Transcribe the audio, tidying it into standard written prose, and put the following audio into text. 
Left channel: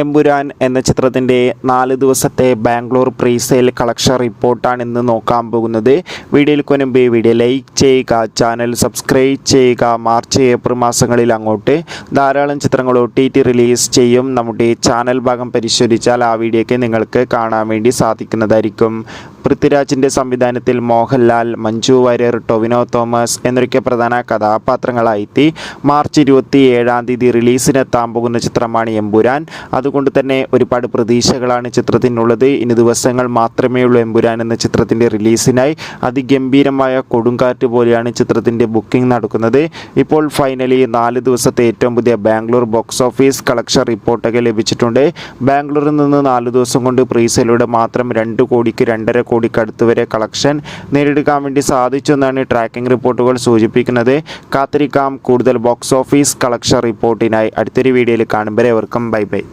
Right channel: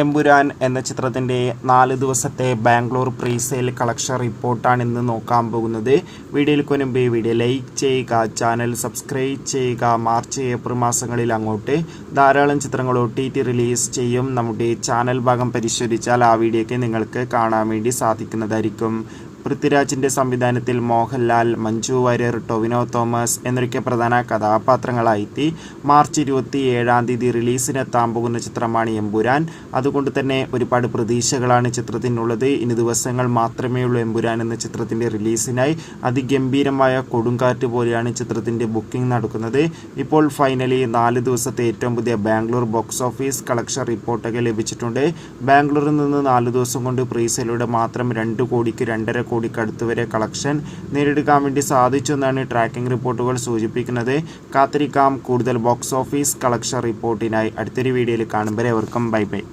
എമ്പുരാൻ എന്ന ചിത്രത്തിൻ്റെ 4 ദിവസത്തെ ബാംഗ്ലൂർ പ്രീസെയിൽ കളക്ഷൻ റിപ്പോർട്ടാണ് ഇന്ന് നോക്കാൻ പോകുന്നത്. വീഡിയോയിൽ മുൻപ് വീഡിയോ ലൈക്ക് ചെയ്യുക, ചാനൽ സബ്സ്ക്രൈബ് ചെയ്യുക. മാർച്ച് ഏപ്രിൽ മാസങ്ങളിൽ അങ്ങോട്ട് ധാരാളം ചിത്രങ്ങൾ OTT റിലീസ് ചെയ്യും. നമ്മുടെ ചാനൽ ഭാഗം പരിശോധിച്ചാൽ ആ വീഡിയോയ്ക്ക് നിങ്ങൾക്ക് കാണാൻ വേണ്ടി സാധിക്കുന്നതായിരിക്കും. പൃഥ്വിരാജിൻ്റെ സംവിധാനത്തിൽ മോഹൻലാൽ, മഞ്ജു വാര്യർ, ടൊവിനോ തോമസ് എന്നൊക്കെ പ്രധാന കഥാപാത്രങ്ങളായി മാർച്ച് 27 റിലീസിനെത്താൻ പോകുന്ന ചിത്രമാണ് എമ്പുരാൻ. അതുകൊണ്ട് തന്നെ ഒരുപാട് പ്രതീക്ഷകളാണ് ചിത്രത്തിനുള്ളത്. ഇനി ദിവസങ്ങൾ മാത്രമേ ഉള്ളൂ എമ്പുരാൻ എന്ന ചിത്രത്തിൻ്റെ റിലീസിനായി. അതിഗംഭീരമായ കൊടുങ്കാറ്റ് പോലെയാണ് ചിത്രത്തിൻ്റെ ബുക്കിംഗ് നടക്കുന്നത്. ഇപ്പോൾ ഫൈനലി 4 ദിവസത്തെ ഏറ്റവും പുതിയ ബാംഗ്ലൂർ ബോക്സ് ഓഫീസ് കളക്ഷൻ റിപ്പോർട്ടൊക്കെ ലഭിച്ചിട്ടുണ്ട്. ബാംഗ്ലൂരിൽ നിന്ന് 4 ദിവസം കൊണ്ട് പ്രീസെയിലൂടെ മാത്രം 2 കോടിക്ക് 2.5 കോടിക്ക് അടുത്ത് വരെ കളക്ഷൻ നേടിയെടുക്കാൻ വേണ്ടി സാധിച്ചു എന്നാണ് ട്രാക്കിംഗ് റിപ്പോർട്ടുകൾ സൂചിപ്പിക്കുന്നത്. കാത്തിരിക്കാം കൂടുതൽ ബോക്സ് ഓഫീസ് കളക്ഷൻ റിപ്പോർട്ടിനായി. അടുത്തൊരു വീഡിയോയിൽ കാണുമ്പോൾ ഏവർക്കും ബൈ ബൈ.